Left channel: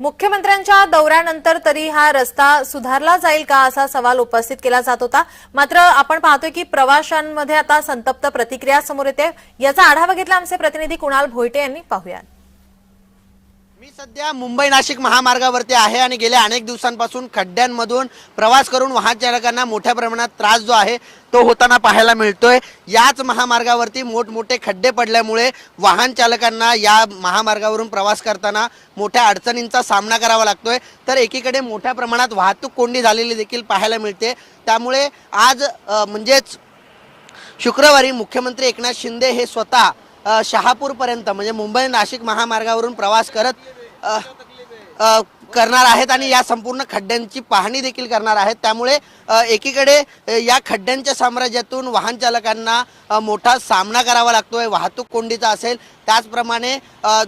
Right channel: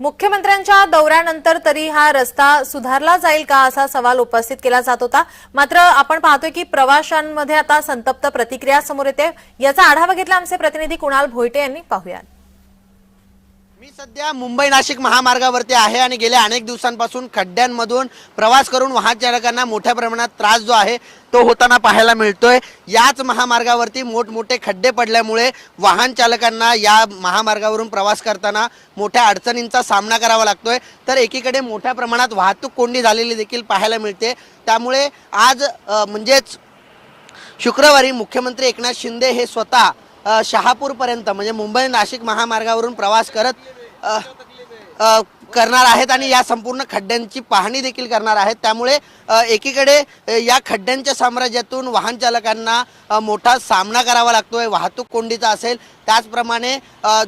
मुख्यमंत्र्यांच्या दौऱ्यानंतर तरी हा रस्ता सुधारला जाईल का असा सवाल उपस्थित केला जात होता. मात्र आपण पाहतोय की प्रवाशांमध्ये आता संतप्त प्रतिक्रिया समोर येते. याचा आढावा घेतला आमचे प्रतिनिधी कुणाल भोयटे यांनी. पाहूया मी सध्या मुंबई नाशिक महामार्गावरती आहे आणि गेल्या अनेक दिवसांपासून खड्ड्यांमधून प्रवास करून वाहन चालकांना मोठ्या प्रमाणात त्रास जो आहे तो होताना पाहायला मिळतोय. याच महामार्गावरती मोठमोठे खड्डे पडल्यामुळे वाहन चालकांना या महामार्गावरून प्रवास करताना मोठ्या अडचणींचा सामना करावा लागतोय. तर एकीकडे मोठ्या प्रमाणात वाहतूक कोंडी झालेली देखील पाहायला मिळते. त्यामुळे आज म्हणजेच शुक्रवारी मुख्यमंत्री एकनाथ शिंदे हे स्वतः शहापूरपर्यंत म्हणजे मुंबई नाशिक महामार्गावरून प्रवास करत करणार आहेत आणि या संपूर्ण खड्ड्यांची पाहणी देखील करणार आहेत. त्यामुळे एकीकडे या खड्ड्यांच्या साम्राज्यातून वाहन चालकांना मोठा सामना करावा लागतोय वाहतूक कोंडीचा असेल. त्याचप्रमाणे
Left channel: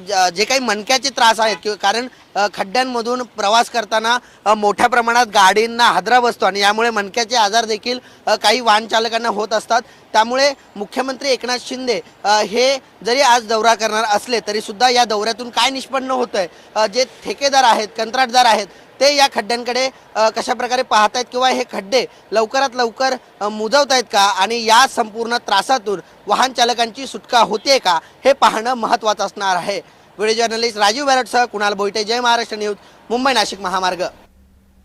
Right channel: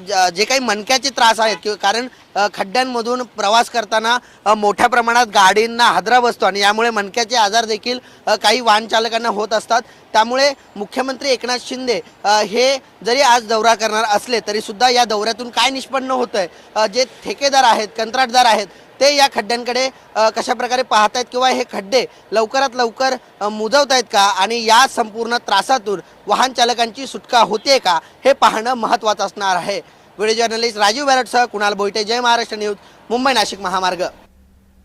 ज- जे काही मणक्याचे त्रास आहेत किंवा कारण खड्ड्यांमधून प्रवास करताना मोठ्या प्रमाणात गाडींना हादरा बसतो आणि यामुळे मणक्याचे आजार देखील काही वाहन चालकांना होत असतात. त्यामुळे मुख्यमंत्री एकनाथ शिंदे हे जरी आज दौरा करणार असले तरी सुद्धा या दौऱ्यातून काय निष्पन्न होत आहे जे ठेकेदार आहेत कंत्राटदार आहेत ते या खड्ड्यांकडे कशा प्रकारे पाहत आहेत किंवा हे खड्डे लवकरात लवकर मुजवत आहेत का? आणि या संपूर्ण त्रासातून वाहन चालकांची सुटका होते का? हे पाहणं महत्वाचं असणार आहे. व्हिडिओ जर्नलिस्ट राजीव बॅरटसह कुणाल बोईटे. जय महाराष्ट्र न्यूज मुंबई नाशिक महामार्ग.